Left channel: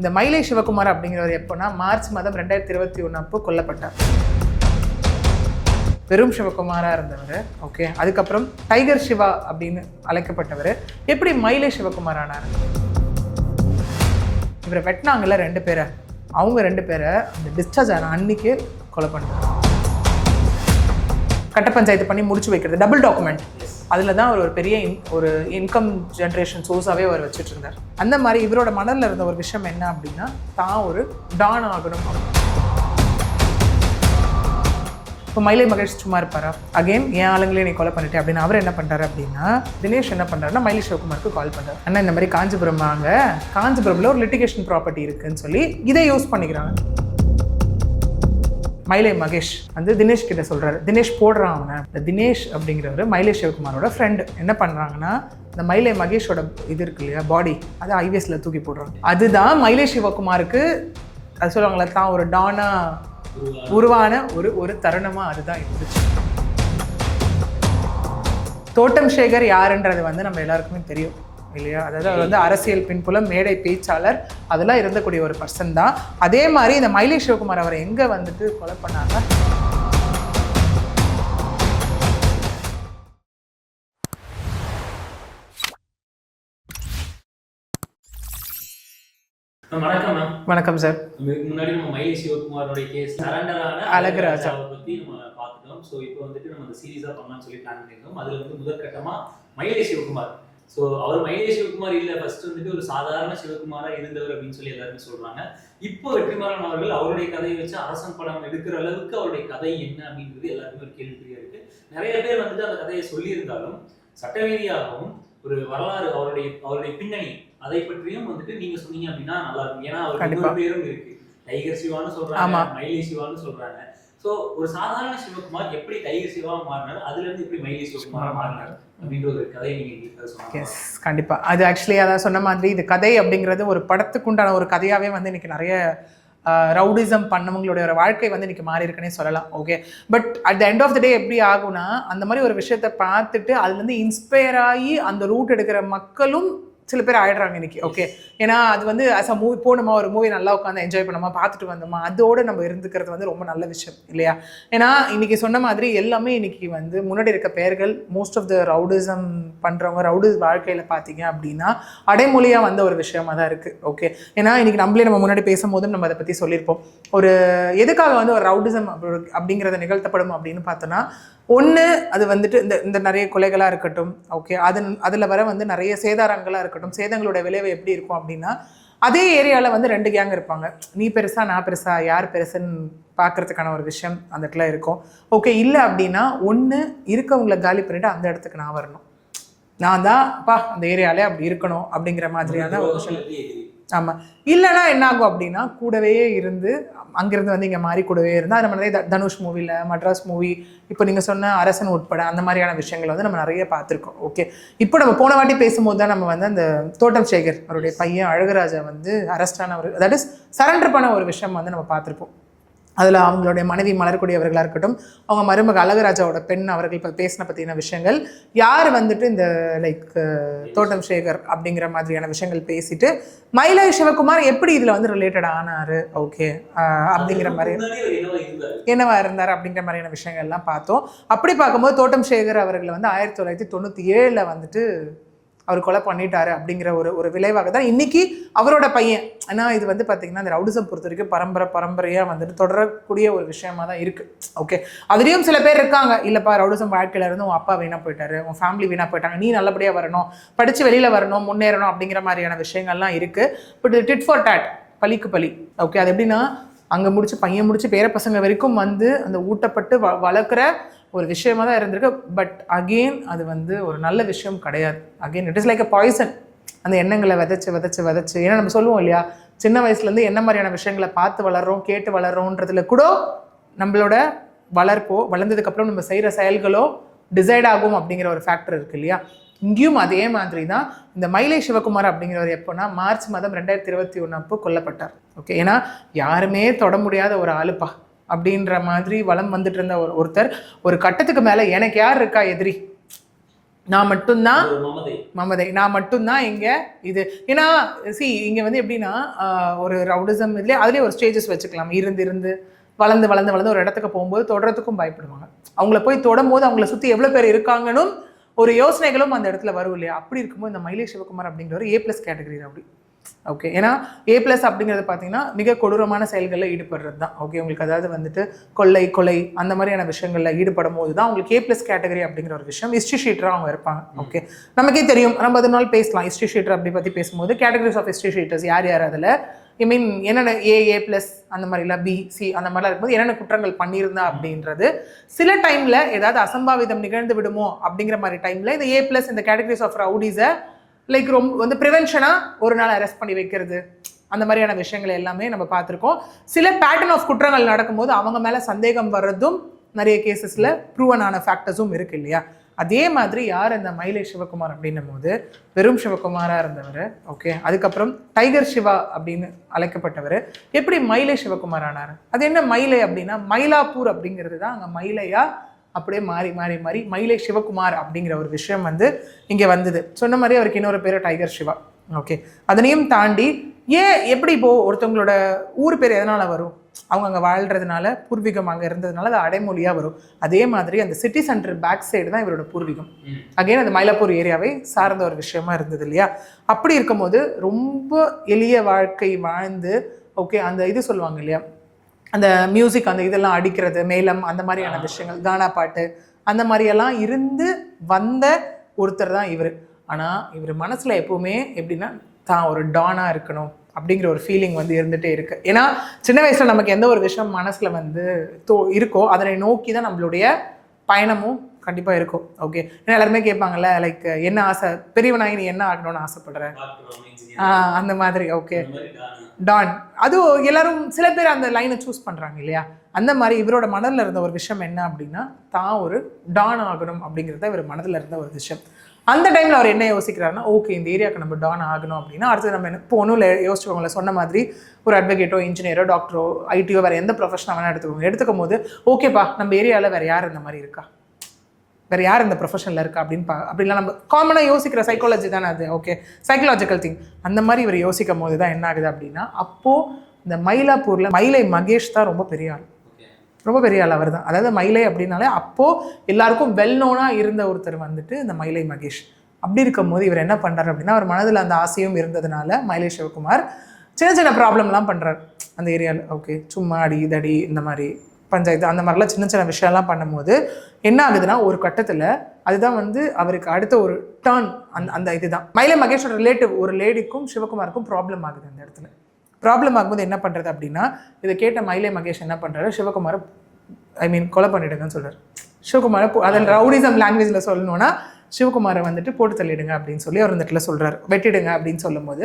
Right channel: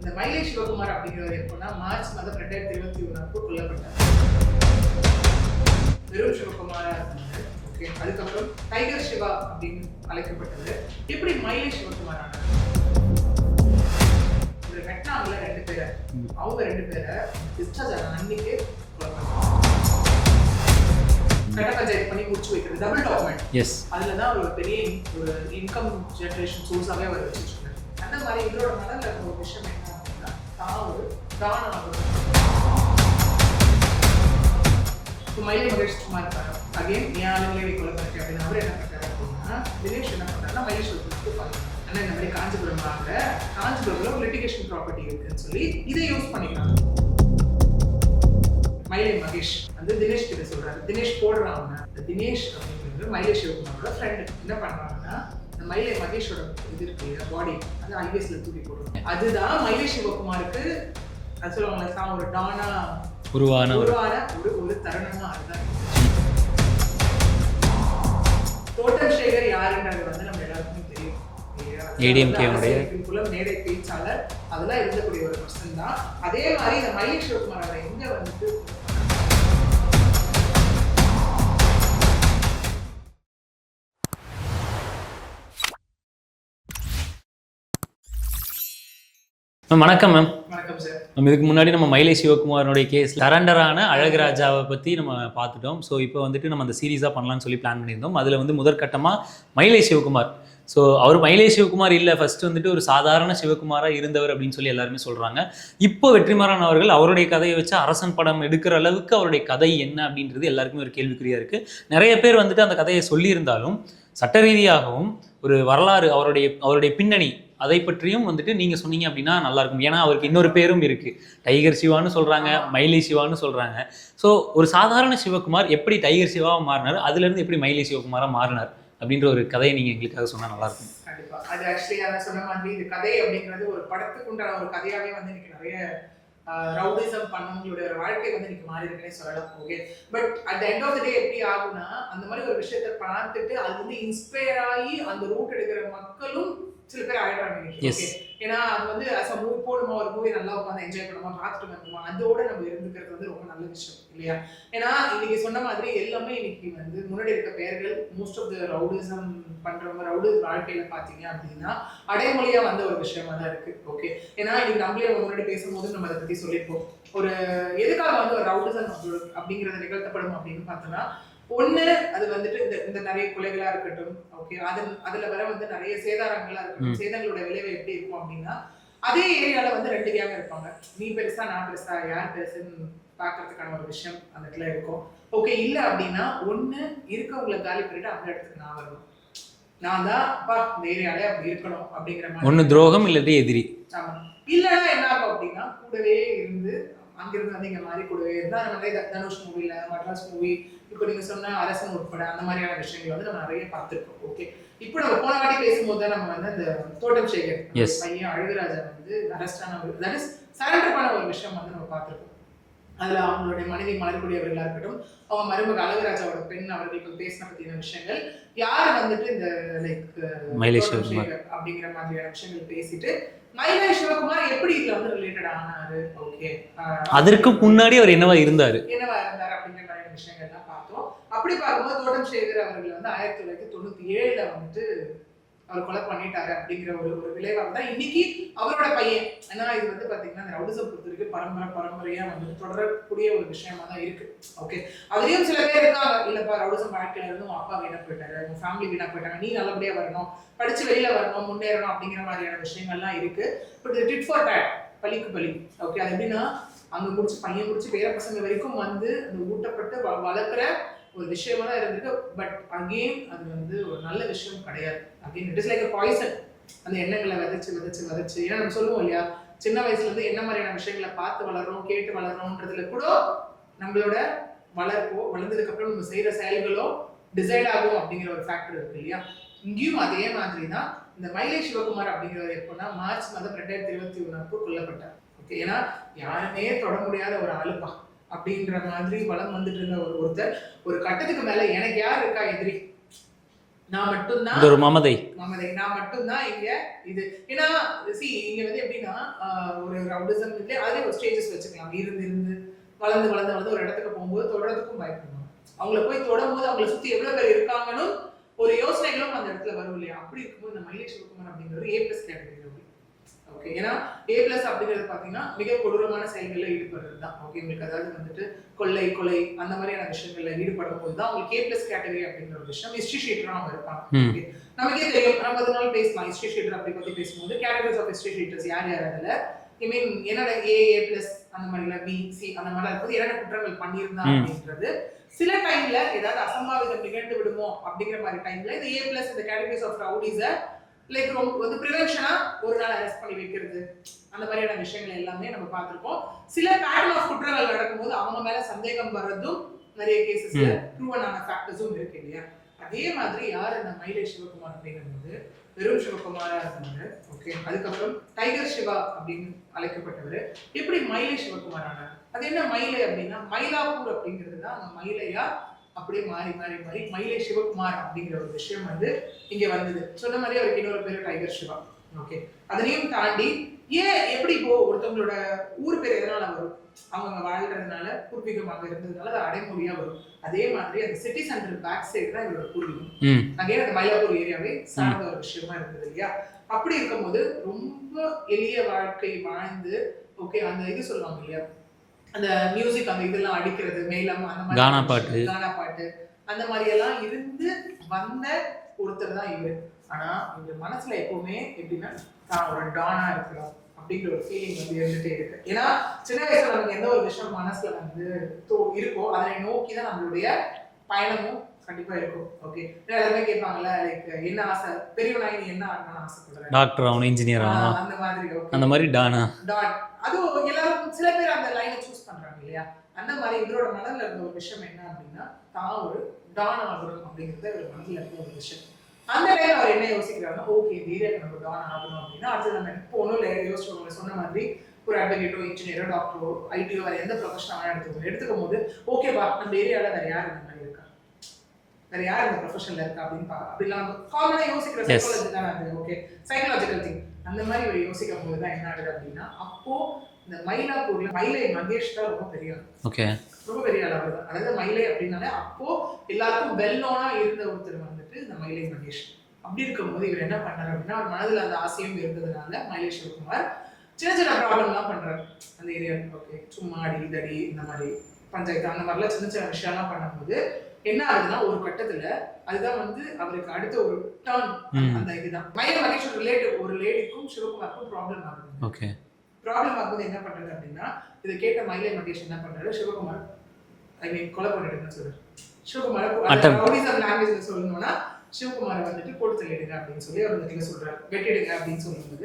இந்த மயிலை சிவகுமார் அப்படிங்கிறவர் எப்போனா மார்ச் மாதம் 2021 அப்போ கொல்லப்பட்டார். வெறும் சிவகுமாராக இருந்தவர். ஓகே, அதுக்கப்புறம் டைகர் சிவா அப்படின்னு அழைக்கப்பட்டவர் எப்படி மயிலை சிவகுமார் ஆனார்? இவரை வெட்டினாங்கல்ல 2 பேரை, அவங்க 2 பேரை அந்த டிஸ்சார்ஜ் ஆன அன்னைக்கு கொலை பண்ணாங்க. கட்ட பஞ்சாயத்து பண்ணி முடிச்சு வைக்கிறது, டபுள் டாக்குமெண்ட். அதில் தான் அவர் ஒரு பெரிய ஒரு இன்கம் ஜென்ரேஷன் சோர்ஸாகவே அவர் வச்சுட்டு இருந்தார். அந்த மாதிரி இவரோட மனதில் இருந்த ஒரு விஷயம் என்ன அப்படின்னா, தான் ஒரு டான் ஆகணும். இப்போ மயிலை மகேஷ் சும்மா இருப்பாரா? அகைன் என் ஆளுங்களே நீ கொலை பண்ணிட்டேன் அப்படின்னு அவர் என்ன பண்ணுறாரு அப்படின்னா, தினேஷ் என்ன பண்ணுறாருன்னா மயிலை சிவகுமாருக்கு கால் பண்ணுறாரு. அண்ணா இந்த மாதிரி காஞ்சிபுரம் வாங்க, காஞ்சிபுரமில் ஒரு லிட்டிகேஷன் ப்ராப்பர்ட்டி இருக்குன்னு சொல்லி இதை யூஸ் பண்ணிக்கிறாங்க. மயிலை மகேஷ் வந்து தினேஷ் கிட்ட சொல்கிறாரு, தினேஷ் போடுறான் அவனை. இந்த தினேஷ் அப்படிங்கிறவர் மயிலை சிவகுமாரோட ஃப்ரெண்டு. என்ன பண்ணுறாங்கன்னா, இந்த மயிலை மகேஷோட இது இருக்கு இல்லையா, பாடி, அதை ஐவிஎஸ்ல தூக்கி போடுறாங்க. அதுதான் மயிலை சிவகுமாருக்கு அது சொல்லுவாங்களே, தான் ஒரு டானா உருவான ஒரு தருணமா அதுதான் இருந்துச்சு. தோட்டம் சேகர் யாருன்றது வந்து நம்ம எல்லாருக்குமே தெரியும் இல்லையா? அதாவது வந்து அரசியல் பின்புலம், மேடை பேச்சாளர், அதெல்லாம் இருந்தக்கூடிய ஒரு பர்சன் தான். அதே மாதிரி இந்த மயிலை சிவகுமார் அவரை எங்க வந்துட்டு கொலை பண்ணாங்க? வணக்கம் மேம். வணக்கம் சார். நம்ம இதுக்கு முன்னாடி நம்ம மயிலை சிவகுமாரனுடைய கேஸ் சரண்டரான அழகுராஜாவை பற்றி நம்ம பார்த்துட்டோம். ஸோ இப்போ வந்துட்டு நம்ம அந்த சீரீஸாக பண்ணலாம்னு சொல்லி பிளான் பண்ணியிருந்தோம். அதில் வந்து முதற்கட்டமாக மயிலை சிவகுமார். ஸோ அவர் மயிலை சிவகுமார் இல்லை, ஃபர்ஸ்ட் வந்துட்டு ஒரு சாதாரண சிவகுமாராக இருந்தவர் அப்படின்னு சொல்லி எல்லாருமே சொல்கிறாங்க. இப்போ வெற்றிமாறன் அவர்கள் அவருடைய கதையை வச்சு அரசன் படம் எடுக்கிற அளவுக்கு அவருடைய கதை என்ன அப்படின்றது எல்லாருக்குமே ஒரு கேள்விக்குறியாக இருக்குது. நிறைய பேர் வந்துட்டு அந்த கதையை சொல்லியிருந்தாலும் சட்ட ரீதியாகவும் ஒரு வரலாறு, அவருடைய பின்னணி, அதை பற்றியும் வந்துட்டு நீங்க சொன்னீங்க அப்படின்னா நல்லா இருக்கும். ஏன்னா அவருக்கு இன்னொரு பேரும் இருக்கு, டைகர் சிவான்னு சொல்றாங்க, மயிலை சிவான்னு சொல்றாங்க. ஸோ ஒரு சாதாரண சிவகுமார் எப்படி டைகர் சிவாவா மாறினார், அதுல இருந்து எப்படி மயிலை சிவகுமாரா மாறினார் அப்படின்ற ஒரு கதையை நீங்க எங்களுக்காக சொன்னாங்க. கண்டிப்பா. அது ஆக்சுவலி அதான் சொன்ன மாதிரி இது கதை அப்படிங்கிறது ஒரு படத்துக்கு உண்டான ஒரு கதையாவே வந்து இன்னைக்கு நிறைய ரவுடிசம் பண்ணவங்களுடைய ஒரு வாழ்க்கை வந்து இன்னைக்கு மாறி இருக்குன்னே சொல்லலாம். Okay, but at the end of the day எப்படி ஆகும்னா, அந்த மாதிரி ஒரு விஷயத்த பார்த்துட்டு அதுல இருந்து இன்ஸ்பயர் ஆகி அந்த ரூட் எடுக்கிற மக்களும் சில பேர் ஆயிடுறாங்க இன்னைக்கு. ஓகே, ஏன்னா அது வந்து அஸ் அ மூவி போனோமா, ஒரு மூவி நல்லா உட்காந்து என்ஜாய் பண்ணோமா, பார்த்துட்டு வந்தோமா, அதோடு நம்ம இருந்துக்கிறது வந்து ரொம்ப நல்ல விஷயம் இல்லையா? ஏன்னா இன்னைக்கு சொன்ன மாதிரி எல்லாமே இன்னைக்கு வந்து முன்னாடி இருக்க பெயர்கள், மோஸ்ட் ஆஃப் த ரவுடிசம் பண்ணுறவங்க, ரவுடி வாழ்க்கையில் பார்த்தீங்க அப்படின்னா அடைமொழியாக வந்த ஒரு விஷயமா தான் இருக்குது. ஓகே, ஏன்னா இன்னைக்கு நம்மளே நம்ம முன்னாடி பேசும்போது நம்ம அதை பற்றி சொல்லியிருப்போம். ஒரு எதுக்காக வந்து ஒரு ரவுடிசம் அப்படிங்கிறத நிகழ்த்தப்படும் அப்படின்னு பார்த்தோன்னா, ஒன்று அது வந்துட்டு இந்த நிறைய கொலைகளாக இருக்கட்டும். ஓகே, அதில் வர வந்து நிறைய சேதாரங்களாக இருக்கட்டும். சேதங்களோட விளைவு எப்படி இருக்கும் அப்படின்னா, அதே ஏரியாவில் வந்து 2 கேங் இருப்பாங்க. நீ பெருசா நான் பெருசா, யார் பெருசுன்னு பார்க்கறதுக்கான ஒரு விஷயம் அந்த இடத்துல இருக்கும். ஓகே, இல்லை அப்படின்னா ஒன்று இருக்கவங்களை காலி பண்ணிட்டு அந்த இடத்துக்கு நான் வரணும், நான் தான் அந்த ஏரியாலே அப்படி இருக்கணும் அப்படிங்கிற மாதிரி துரோகம் இல்லை எதிரி. ஆமாம், இல்லைன்னா என்ன ஆகும் அப்படின்னா கூடவே இருந்து அங்கிருந்து வந்து இங்கே மாறி கூடவே இருந்தால் அந்த மாதிரி தனுஷ் மூவியில், மட்ராஸ் மூவி, இப்போ நீங்கள் சொன்ன அரசன் உட்பட அந்த மாதிரியான விஷயங்கள் வந்து நம்ம நிறைய பார்த்துருக்கோம். ஓகே, இப்போ நம்ம போன வாட்டி பேசும்போது தான் நம்ம வந்து அந்த தோட்டம் சேகர் அவருடைய பையன் அழகுராஜா வந்து அரெஸ்டான ஒரு, தட் இஸ் சரண்டர் பண்ண ஒரு விஷயம் வந்து நம்ம பார்த்துருப்போம். அதில் அவங்களுடைய மனைவி மலர்கொடி அவர்களாக இருக்கட்டும், அவங்க மருமக அழகுராஜாவோட பெண் அவர்கள் இப்போ பேசின பற்றின விஷயங்கள், யார் வந்துட்டு இந்த லைக் தோட்டம் சேகர் அப்படிங்கிற மாதிரியான விஷயங்கள் பேசிட்டு மயிலை சிவகுமார் எப்படி இதில் வந்து ரிலேட்டட் ஆனார். ஓகே, அதற்கு முன்னாடி அவர் என்னவா இருந்தார் அப்படிங்கிற மாதிரியான விஷயங்கள்லாம் பார்த்தோம். அப்படி பார்க்கும்போது தோட்டம் சேகர் அவர்களை வந்து 1997 வந்துட்டு அவர் கொலை பண்ணிட்டாரு அப்படிங்கிற ஒரு விளைவாக தான் இன்னைக்கு அவரோட பையன். ஏன்னா இது வந்து பார்த்தீங்கன்னா இந்த ரவுடிசம் பொறுத்த வரைக்கும் பரம்பரையாக வந்துட்டு தொடரக்கூடிய ஒரு விஷயமா தான் இருக்குது. ஓகே, அதுலேயும் சில பேர் இருக்காங்க, இல்லைப்பா ரவுடிசம் வாழ்க்கையில இருந்து உன் அப்பா வீணாக போயிட்டாரு, உன் ஃபேமிலி வீணாக போயிட்டாங்க, நீ நல்லபடியாக வரணும், படித்து வெளியில் வரணும், முன்னேறணும் அப்படிங்கிற மாதிரியான விஷயங்கள்லாம் இருக்குது. பட் டிட் ஃபார் டேட், பழிக்கு பழி. ஓகே, அது எப்படின்னா அங்கே முடிச்சு பையன் முடிச்சு பேர பசங்க வரைக்கும் வந்து அந்த ஊட்டப்பட்டு வளர்க்குற ஒரு விஷயமா தான் இருந்திருக்கு. பட் அகெயின் அது வந்து ஒரு நல்ல விஷயம் கிடையாது. Again it is like a poison. அந்த எண்ணங்களை விதைச்சு ஏன்னா நம்ம சொல்லுவோம் இல்லையா, சின்ன வயசுலேருந்து என்ன மாதிரியான விஷயங்களை பார்த்து வளர்றோம், கேட்டு வளர்றோன்றதுல கூட நம்மளோட வளர்ப்போ, வளர்ந்ததுக்கப்புறம் நம்ம செய்கிற செயல்களோ டிசைட் ஆகும் அப்படிங்கிற ஒரு ஃபேக்டர் இருக்குது இல்லையா? இங்கேயும் அதே மாதிரி தான் இந்த மயிலை சிவகுமார் அப்படிங்கிறவர் எப்போனா மார்ச் மாதம் 2021 அப்போ கொல்லப்பட்டார். ஓகே, ஏன்னா யாருமே தொட முடியாத ஒரு ஆளுப்பா அப்படின்ற மாதிரி வளம் வந்துட்டு இருந்த ஒருத்தர் ஒரு கட்டத்துக்கு மேலே எனக்கு யார் இருக்கா எதிரி, நான் மட்டும்தான் ஒரு மமதை நான் மட்டும்தான் இங்க இது. ஏன்னா இங்க வந்து எப்படின்னா ஒரு ரவுடிசம் இதுலேயே அதுலேயே ஒரு ஸ்டேஜஸ் வச்சுக்கலாம். இருந்து வளர்ந்து ஒரு இடத்துக்கு போகும்போது தொடறதுக்கும் பயப்படுவாங்க. அவங்கள போய் தொடும் போது அவங்கள சுற்றி எவ்வளோ பேர் இருக்காங்கன்னு ஒரு யோசனைகளும் அந்த இடத்துல வரும் இல்லையா? அப்படி இருக்கும்போது இந்த மயிலை சிவகுமார் அப்படிங்கிற ஒரு A+ கேட்டகரி அப்படி. ஓகே, ஏன்னா A+ அப்படிங்கிறது பார்த்தீங்கன்னா மிக கொடூரமான செயல்களில் ஈடுபடுறது தான். ஓகே, உங்களுக்கு அதாவது வந்துட்டு கொலை அந்த மாதிரியான விஷயங்களில் ஈடுபடும் போது தான் உங்களுக்கு A+ கேட்டகரி அப்படிங்கிற ஒரு விஷயம் ஹிஸ்ட்ரி ஷீட்டராக அவங்க இருப்பாங்க. ஓகே, நமக்கே தெரியும், நம்ம அதனால பேசலாம் ஹிஸ்ட்ரி ஷீட்டர் அப்படி பற்றி பேசும்போது கேட்டகரிஸ் ஆஃப் ஹிஸ்ட்ரி ஷீட்டர்ஸ் யார் அதில் ஐ மீன் என்னென்ன A+ அந்த மாதிரிலாம் B, C அந்த மாதிரிலாம் இருக்கும்போது என்னென்ன குற்றங்கள் பண்ணியிருந்தா அப்படின்றது சில டைமில் ஏதாவது அசம்பாவிதம் நிகழ்ந்து விடுமோ அப்படிங்கிற மாதிரி டைமில் இந்த A+ இந்த கேட்டகரிஸ் ஆஃப் ரவுடிஸை லைக் ரொம்ப வந்து ப்ரிவென்ஷனாக ஒரு நாள் அரெஸ்ட் பண்ணி வைக்கிறது அந்த மாதிரியான விஷயங்கள் எல்லாமே நம்ம பார்த்துருக்கோம். சில பேட்டர்ன் ஆஃப் குற்றங்கள் நடக்கும்போது அவங்க மேலே சந்தேகம் வர்றதும் நிறைய கேசஸில் ப்ரூவன் ஆன ஃபேக்டர்ஸும் இருக்கு இல்லையா? அதே மாதிரி யார் இந்த மயிலை சிவகுமார் அப்படின்னும் போது வெறும் சிவகுமாராக இருந்தவர். ஓகே, அதுக்கப்புறம் டைகர் சிவா அப்படின்னு அழைக்கப்பட்டவர் எப்படி மயிலை சிவகுமார் ஆனார்? அது என்ன மயிலை அப்படின்னா மயிலாப்பூர் அப்படிங்கிறது தான் அங்கே மயிலையா அப்படியே மாறி மயிலை சிவகுமார் அப்படிங்கிற ஒரு விஷயம் வந்து இங்கே வந்தது. சொன்ன மாதிரி அவருக்கு இன்னொரு பேர் டைகர் சிவா. ஓகே, அதனையும் தாண்டி எப்படி இப்போ ஒருத்தவங்களோட ஊர் பேர் எதனால வரும்? அவங்க அங்கே வாழ்றதுனால, பூர்வீகம் அங்கே இருந்ததுனால அது அடைமொழியாக வரும். அதே மாதிரி அந்த சிட்டி சென்டர் பேக் சைடு தான் இவரோட பூர்வீகம். அகைன் அது மயிலாப்பூர் ஏரியாவை சார்ந்த ஒரு விஷயமா இருந்தது இல்லையா? அப்படி இருக்கும்போது ரொம்ப எளிய வாழ்க்கை வாழ்ந்து ஓகே அந்த இது சொல்லுவாங்க இல்லையா, அந்த மியூசிக் அந்த இதெல்லாம் அடிக்கிறது மேளம் அந்த மாதிரியான விஷயங்கள், கானா பாட்டு அந்த மாதிரியெல்லாம் இருந்து வந்த ஒருத்தர் தான் இவர். ஆனால் இவர் மனசில் எப்பவுமே எப்படின்னா தான் ஒரு டானாக இருக்கணும் அப்படிங்கிற ஒரு ஃபீலிங் வந்து இருந்துகிட்டே இருக்கு. ஏன்னா சின்ன வயசில் நமக்கு எந்த ஒரு விஷயம் மனசில் வந்து இருக்கோ அதனை நோக்கி தான் நம்மளுடைய பயணமும் கண்டிப்பாக இருக்கும். ஓகே, ஏன்னா எல்லாருமே கேட்பாங்கல்ல லைக் என்ன ஆசை, பெரியவனாகி நீ என்ன ஆகணும்னு ஆசைப்படுற? டாக்டர் ஆகணும், இன்ஜினியர் அந்த மாதிரி. ஓகே, அந்த மாதிரி டான் அது எல்லாரும் சில பேர் அந்த லைனை சூஸ் பண்ணுறாங்க இல்லையா? அந்த மாதிரி இவரோட மனதில் இருந்த ஒரு விஷயம் என்ன அப்படின்னா தான் ஒரு டான் ஆகணும் அப்படிங்கிறத இவர் மனதில் இருந்த ஒரு விஷயம். அந்த டைமில் அவர் என்ன யோசிக்கிறாருன்னா ஓகே இந்த ஏரியாவுக்கு நம்ம டான் ஆகணும் அப்படின்னா அடுத்து நம்ம என்ன போகணும் இல்லை யோசிச்சுக்கோங்களேன். சொன்ன மாதிரி ஒரு அட்வொகேட்டோ இன்ஜினியரோ டாக்டரோ ஐடியோ வேறு எந்த ப்ரொஃபஷனாக வேணால் எடுத்துக்கும் போது ஓகேப்பா நம்ம ஏரியாவில் வேறு யார் இந்த மாதிரி இருக்கா, வேறு யார் இந்த ப்ரொஃபஷனில் இருக்கா அப்படின்லாம் நம்ம காமனாக யோசிக்கிற சைக்காலஜி தானே அது. Okay, psychological thing. அந்த மாதிரி இவர் யோசிக்கும் போது தான் என்ன ஆகுது அப்படின்னா அப்போது இந்த மயிலாப்பூரில் மயிலை மகேஷ் தான் ரொம்ப பெரிய ஆள். ஓகே, ரொம்ப பெரிய ஆள் அவர் தான். அதாவது மயிலை அப்படின்னாலே அப்போது எல்லாருக்கும் வெல் நோனாக இருந்த ஒருத்தர் வந்துட்டு இந்த மயிலை மகேஷ். அப்படி இருக்கும் போது இவர் என்ன பண்ணுறாரு அப்படின்னா அவர் மனதில் அந்த ஆசையும் இருந்ததுனால மயிலை சிவகுமார் சின்ன ப்ராப்ளம்லாம் பண்ணுறாரு அந்த ஏரியாவில். ஓகே, சும்மா இதடி இந்த மாதிரி பஞ்சாயத்து அந்த மாதிரிலாம் சின்ன விஷயம்லாம் பண்ணும்போது என்ன ஆகுதுன்னா ஒரு கட்டத்தில் அதுதான் வந்து அவருக்கு அடுத்த ஒரு டர்ன். அந்த இதுதான் மயிலை மகேஷோட ரிலேட்டிவ் ஒரு லேடிக்கும் சிவகுமாருக்கும் ப்ராப்ளம் ஆகுது. ஓகே, ப்ராப்ளம் ஆகும்போது என்ன பண்ணுறது அப்படின்னா இதை கேட்ட மயிலை மகேஷ் என்ன பண்ணுறாரு, சிவகுமாரை கொலை பண்ணிடுங்கன்னு சொல்கிறார். சிவகுமாரை அந்த ரவுடிசம் லாங்குவேஜில் சொல்லணும்னா சிவகுமாரை வந்துட்டு போட்டு தள்ளிடுங்க அப்படின்னு சொல்லி அவர் இந்த இடத்துல சொல்கிறார், வெட்டிடுங்க அப்படின்னு சொல்லும்போது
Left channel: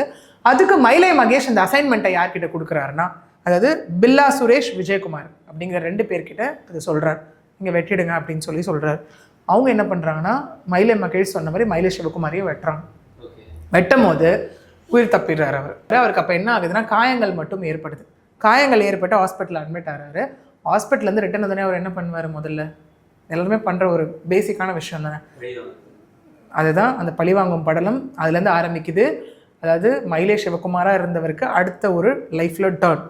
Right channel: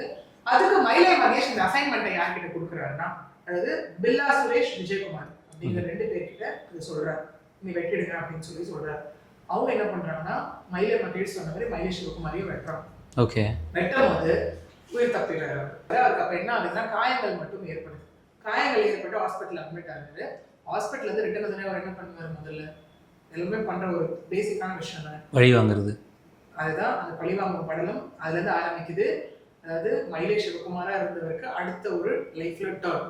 அதுக்கு மயிலை மகேஷ் இந்த அசைன்மெண்ட்டை யார்கிட்ட கொடுக்குறாருன்னா அதாவது பில்லா சுரேஷ் விஜயகுமார் அப்படிங்கிற 2 பேர்கிட்ட அது சொல்கிறார், இங்கே வெட்டிடுங்க அப்படின்னு சொல்லி சொல்கிறார். அவங்க என்ன பண்ணுறாங்கன்னா மயிலை மகேஷ் சொன்ன மாதிரி மயிலை சிவகுமாரையும் வெட்டுறாங்க. ஓகே, வெட்டும் போது உயிர் தப்பிடுறாரு அவருக்கு. அப்போ என்ன ஆகுதுன்னா காயங்கள் மட்டும் ஏற்படுது. காயங்கள் ஏற்பட்டு ஹாஸ்பிட்டலில் அட்மிட் ஆகிறாரு. ஹாஸ்பிட்டல்லேருந்து ரிட்டன் வந்தோடனே அவர் என்ன பண்ணுவார், முதல்ல எல்லாருமே பண்ணுற ஒரு பேசிக்கான விஷயம் தானே பழி வாங்குறது. அதுதான் அந்த பழிவாங்கும் படலம் அதுலேருந்து ஆரம்பிக்குது. அதாவது மயிலை சிவகுமாராக இருந்தவருக்கு அடுத்த ஒரு லைஃப்பில் டர்ன்.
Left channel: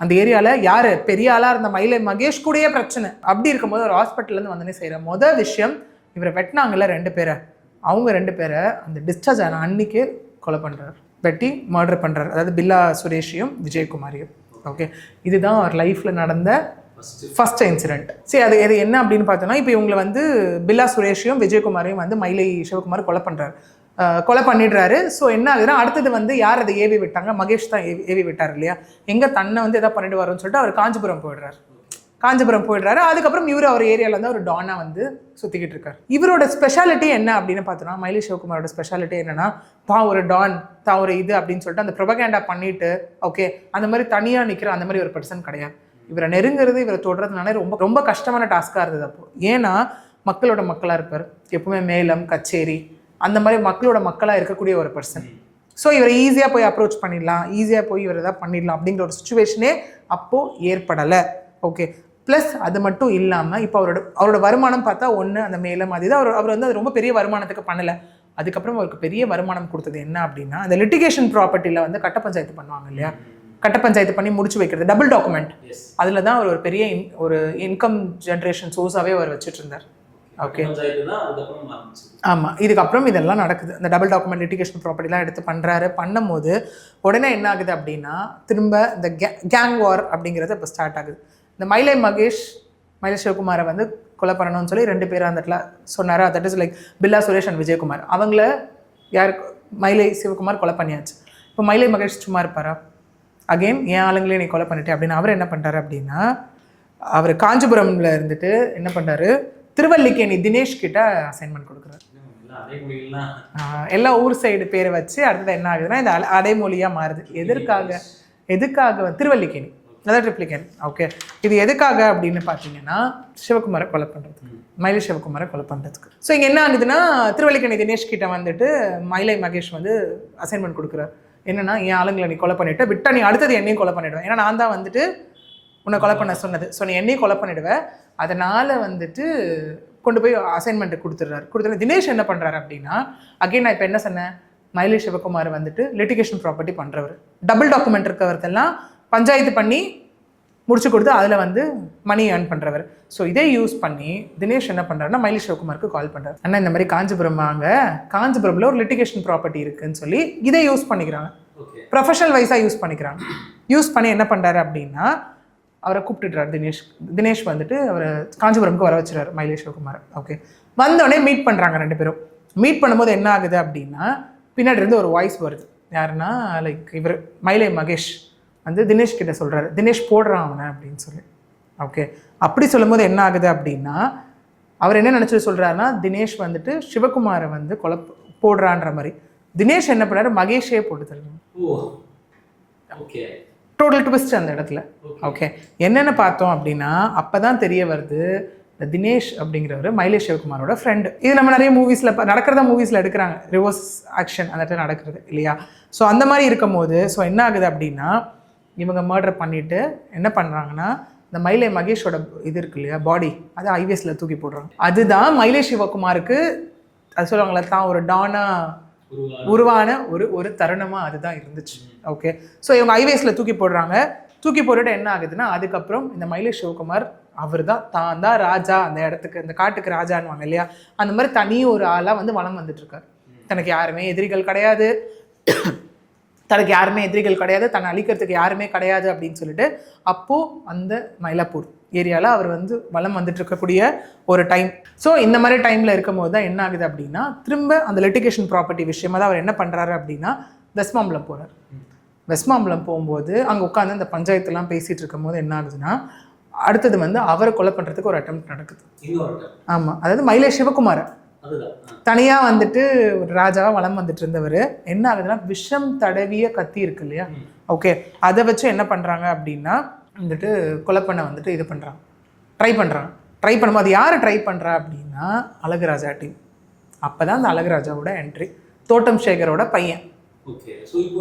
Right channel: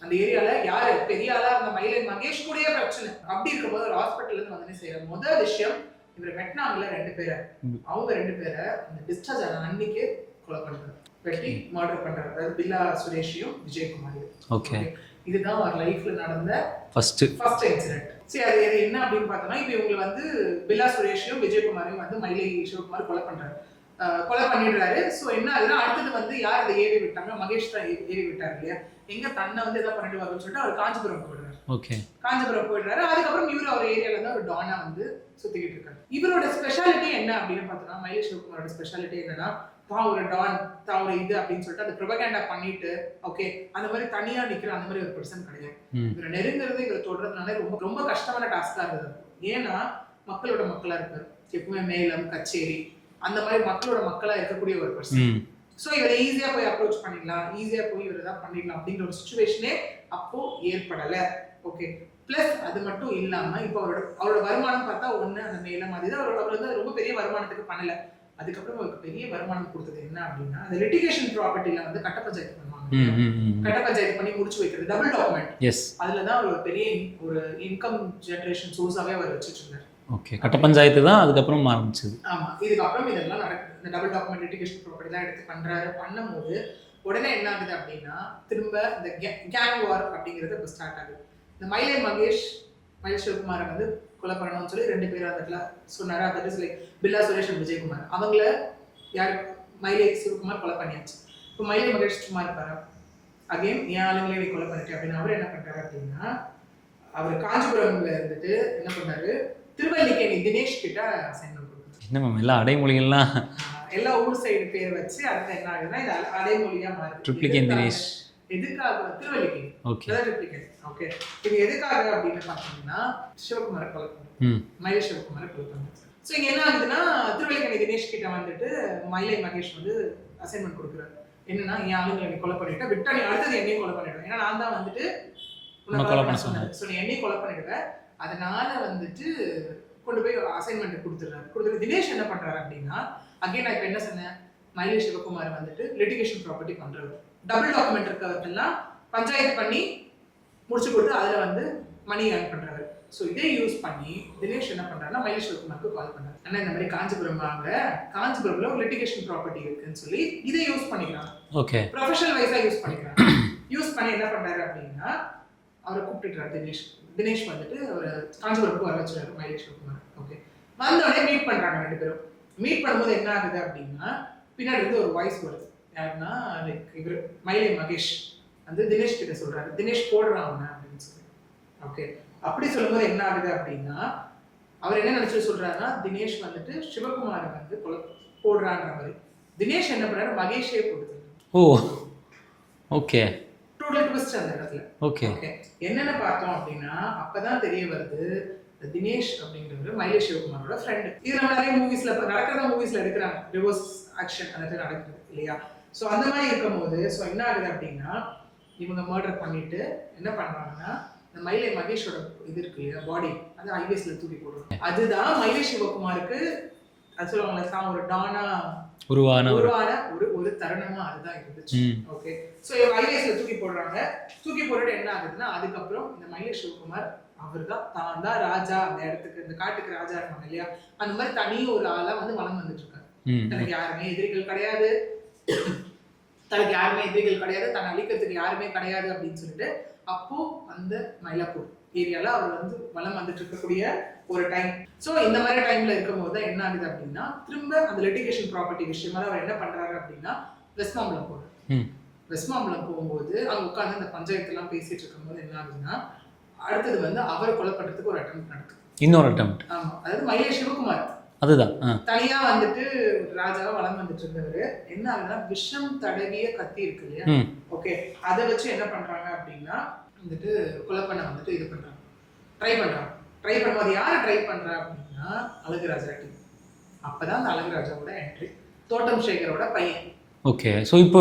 அந்த ஏரியாவில் யார் பெரிய ஆளாக இருந்த மயிலை மகேஷ் கூடயே பிரச்சனை. அப்படி இருக்கும்போது ஒரு ஹாஸ்பிட்டல்லேருந்து வந்தோடனே செய்கிற மொதல் விஷயம் இவரை வெட்டினாங்கல்ல 2 பேரை, அவங்க 2 பேரை அந்த டிஸ்சார்ஜ் ஆன அன்னைக்கு கொலை பண்ணுறாரு, வெட்டி மர்டர் பண்ணுறாரு. அதாவது பில்லா சுரேஷையும் விஜயகுமாரையும். ஓகே, இதுதான் அவர் லைஃப்பில் நடந்த ஃபர்ஸ்ட் இன்சிடென்ட். சரி, அது என்ன அப்படின்னு பார்த்தோன்னா இப்போ இவங்களை வந்து பில்லா சுரேஷையும் விஜயகுமாரையும் வந்து மயிலை சிவகுமார் கொலை பண்ணிடுறாரு. ஸோ என்ன ஆகுதுன்னா அடுத்தது வந்து யார் அதை ஏவி விட்டாங்க, மகேஷ் தான் ஏவி விட்டார் இல்லையா? எங்கே தன்னை வந்து எதாவது பண்ணிட்டு வரோன்னு சொல்லிட்டு அவர் காஞ்சிபுரம் போயிடுறாரு. ஓகே, காஞ்சிபுரம் போயிடுறாரு. அதுக்கப்புறம் இவர் அவர் ஏரியாவில் வந்து ஒரு டானா வந்து சுற்றிக்கிட்டு இருக்காரு. இவரோட ஸ்பெஷாலிட்டி என்ன அப்படின்னு பார்த்தோன்னா மயிலை சிவகுமாரோட ஸ்பெஷாலிட்டி என்னன்னா தான் ஒரு டான் தான் ஒரு இது அப்படின்னு சொல்லிட்டு அந்த ப்ரொபகேண்டா பண்ணிட்டு ஓகே அந்த மாதிரி தனியாக நிற்கிற அந்த மாதிரி ஒரு பர்சன் கிடையாது. இவரை நெருங்கிறது இவரை தொடுறதுனால ரொம்ப ரொம்ப கஷ்டமான டாஸ்காக இருந்தது அப்போ. ஏன்னா மக்களோட மக்களாக இருப்பார், எப்பவுமே மேளம் கச்சேரி அந்த மாதிரி மக்களோட மக்களாக இருக்கக்கூடிய ஒரு பர்சன். ஸோ இவரை ஈஸியாக போய் அப்ரோச் பண்ணிடலாம், ஈஸியாக போய் இவர் எதாவது பண்ணிடலாம் அப்படிங்கிற ஒரு சுச்சுவேஷனே அப்போது ஏற்படலை. ஓகே, ப்ளஸ் அது மட்டும் இல்லாமல் இப்போ அவரோட வருமானம் பார்த்தா ஒன்று அந்த மேலும் அது அவர் வந்து அது ரொம்ப பெரிய வருமானத்துக்கு பண்ணலை. அதுக்கப்புறம் அவருக்கு பெரிய வருமானம் கொடுத்தது என்ன அப்படின்னா, அந்த லிட்டிகேஷன் ப்ராப்பர்ட்டியில் வந்து கட்ட பஞ்சாயத்து பண்ணுவாங்க இல்லையா, கட்ட பஞ்சாயத்து பண்ணி முடிச்சு வைக்கிறது, டபுள் டாக்குமெண்ட். அதில் தான் அவர் ஒரு பெரிய ஒரு இன்கம் ஜென்ரேஷன் சோர்ஸாகவே அவர் வச்சுட்டு இருந்தார். ஓகே, கட்ட பஞ்சாயத்து தான் அதுக்கப்புறம் ஆரம்பிச்சது. ஆமாம், இதுக்கப்புறம் இதெல்லாம் நடக்குது. இந்த டபுள் டாக்குமெண்ட் லிட்டிகேஷன் ப்ராப்பர்ட்டிலாம் எடுத்து பண்ணும்போது உடனே என்ன ஆகுது அப்படின்னா, திரும்ப இந்த கேங் வார் அப்படிங்கிறது இப்போ ஸ்டார்ட் ஆகுது. இந்த மயிலை சிவகுமாரை வந்து கொலை பண்ணணும்னு சொல்லி 2 பேர் அந்த இடத்துல சொன்னார். That is like Billa Suresh and Vijayakumar. அவங்கள யார் மயிலை சிவகுமார் கொலை பண்ணியாச்சு. இப்போ மயிலை மகேஷ் சும்மா இருப்பாரா? அகெயின் என் ஆளுங்களே நீ கொலை பண்ணிட்டே அப்படின்னு அவர் என்ன பண்ணுறாரு அப்படின்னா, அவர் காஞ்சிபுரம்ல இருந்துட்டு என்ன பண்ணுறாரு, திருவல்லிக்கேணி தினேஷ் கிட்ட அசைன்மெண்ட் கொடுக்குறாரு. என்ன மேம் எல்லாம் அடைமொழிகள்லாம் எல்லாம் ஊர் சைடு பேர் வச்சு அடுத்த என்ன ஆகுதுன்னா இந்த அடைமொழியாக மாறுது. எதுக்காக திருவல்லிக்கேணி, அதான் ட்ரிப்ளிகேன். ஓகே, இது எதுக்காக அப்படின்னு பார்த்தீங்கன்னா சிவகுமாரை கொலை பண்ணுறது, மயிலை சிவகுமாரை கொலை பண்ணுறதுக்கு. ஸோ இங்கே என்ன ஆகுதுன்னா, திருவல்லிக்கேணி தினேஷ் கிட்ட வந்துட்டு மயிலை மகேஷ் வந்து அசைன்மெண்ட் கொடுக்குறாரு. என்னன்னா, என் ஆளுங்களை நீ கொலை பண்ணிவிட்டு விட்டா நீ அடுத்தது என்னையும் கொலை பண்ணிவிடுவேன். ஏன்னா நான் தான் வந்துட்டு உன்னை கொலை பண்ண சொன்னது. ஸோ நீ என்னையும் கொலை பண்ணிவிடுவேன். அதனால் வந்துட்டு கொண்டு போய் அசைன்மெண்ட்டு கொடுத்துட்டு தினேஷ் என்ன பண்ணுறாரு அப்படின்னா, அகைன் நான் இப்போ என்ன சொன்னேன், மயிலை சிவகுமார் வந்துட்டு லிட்டிகேஷன் ப்ராப்பர்ட்டி பண்ணுறவர், டபுள் டாக்குமெண்ட் இருக்கவர்த்தெல்லாம் பஞ்சாயத்து பண்ணி முடிச்சு கொடுத்து அதில் வந்து மணி ஏர்ன் பண்ணுறவர். ஸோ இதை யூஸ் பண்ணி தினேஷ் என்ன பண்ணுறாருன்னா மயிலை சிவகுமாருக்கு கால் பண்ணுறாரு. அண்ணா இந்த மாதிரி காஞ்சிபுரமில் ஒரு லிட்டிகேஷன் ப்ராப்பர்ட்டி இருக்குன்னு சொல்லி இதை யூஸ் பண்ணிக்கிறாங்க. ஓகே, ப்ரொஃபஷனல் வைஸாக யூஸ் பண்ணிக்கிறாங்க. யூஸ் பண்ணி என்ன பண்ணுறாரு அப்படின்னா, அவரை கூப்பிட்டுறாரு. தினேஷ் வந்துட்டு அவர் காஞ்சிபுரமுக்கு வர வச்சுறாரு மயிலை சிவகுமார். ஓகே, வந்தோடனே மீட் பண்ணுறாங்க 2 பேரும். மீட் பண்ணும்போது என்ன ஆகுது அப்படின்னா, பின்னாடி இருந்து ஒரு வாய்ஸ் வருது. யாருன்னா லைக் இவர் மயிலை மகேஷ் வந்து தினேஷ் கிட்ட சொல்கிறாரு, தினேஷ் போடுறான் அவனை அப்படின்னு சொல்லி. ஓகே, அப்படி சொல்லும்போது என்ன ஆகுது அப்படின்னா, அவர் என்ன நினச்சிட்டு சொல்கிறாருன்னா, தினேஷ் வந்துட்டு சிவகுமாரை வந்து கொலை போடுறான்ற மாதிரி. தினேஷ் என்ன பண்ணாரு, மகேஷே போட்டு தருவாங்க. ஓ ஓகே, டோட்டல் ட்விஸ்ட் அந்த இடத்துல. ஓகே, என்னென்ன பார்த்தோம் அப்படின்னா, அப்போ தான் தெரிய வருது தினேஷ் அப்படிங்கிறவர் மயிலை சிவகுமாரோட ஃப்ரெண்டு. இது நம்ம நிறைய மூவிஸில் மூவிஸில் எடுக்கிறாங்க, ரிவர்ஸ் ஆக்ஷன் அந்த இடத்துல நடக்கிறது இல்லையா. ஸோ அந்த மாதிரி இருக்கும் போது ஸோ என்ன ஆகுது அப்படின்னா, இவங்க மர்டர் பண்ணிவிட்டு என்ன பண்ணுறாங்கன்னா, இந்த மயிலை மகேஷோட இது இருக்கு இல்லையா, பாடி, அதை ஹைவேஸில் தூக்கி போடுறாங்க. அதுதான் மயிலை சிவகுமாருக்கு அது சொல்லுவாங்களே தான் ஒரு டானா உருவான ஒரு தருணமாக அதுதான் இருந்துச்சு. ஓகே, ஸோ இவங்க ஹைவேஸில் தூக்கி போட்டுட்டு என்ன ஆகுதுன்னா, அதுக்கப்புறம் இந்த மயிலை சிவகுமார் அவர் தான் ராஜா, அந்த இடத்துக்கு இந்த காட்டுக்கு ராஜான்னுவாங்க இல்லையா, அந்த மாதிரி தனி ஒரு ஆளாக வந்து வளம் வந்துட்டு இருக்காரு. தனக்கு யாருமே எதிரிகள் கிடையாது, தன்னை அழிக்கிறதுக்கு யாருமே கிடையாது அப்படின்னு சொல்லிட்டு அப்போது அந்த மயிலாப்பூர் ஏரியாவில் அவர் வந்து வளம் வந்துட்டு இருக்கக்கூடிய ஒரு டைம். ஸோ இந்த மாதிரி டைமில் இருக்கும் போது தான் என்ன ஆகுது அப்படின்னா, திரும்ப அந்த லிட்டிகேஷன் ப்ராப்பர்ட்டி விஷயமா தான் அவர் என்ன பண்ணுறாரு அப்படின்னா, வெஸ்ட்மாம்பலம் போகிறார். வெஸ்ட்மாம்பலம் போகும்போது அங்கே உட்காந்து அந்த பஞ்சாயத்துலாம் பேசிகிட்டு இருக்கும் போது என்ன ஆகுதுன்னா, அடுத்தது வந்து அவரை கொலை பண்ணுறதுக்கு ஒரு அட்டெம்ப்ட் நடக்குது. இன்னொரு அட்டெம்ப்ட். ஆமாம், அதாவது மயிலை சிவகுமார் அதுதான் தனியாக வந்துட்டு ஒரு ராஜாவாக வளம் வந்துட்டு இருந்தவர். என்ன ஆகுதுன்னா, விஷம் தடவிய கத்தி இருக்கு இல்லையா, ஓகே, அதை வச்சு என்ன பண்ணுறாங்க அப்படின்னா வந்துட்டு கொலை பண்ண வந்துட்டு இது பண்ணுறாங்க, ட்ரை பண்ணும்போது யார் ட்ரை பண்ணுறா அப்படின்னா அழகுராஜா டீம். அப்போ தான் அந்த அழகுராஜாவோட என்ட்ரி, தோட்டம் சேகரோட பையன். ஓகே, ஸோ இப்போ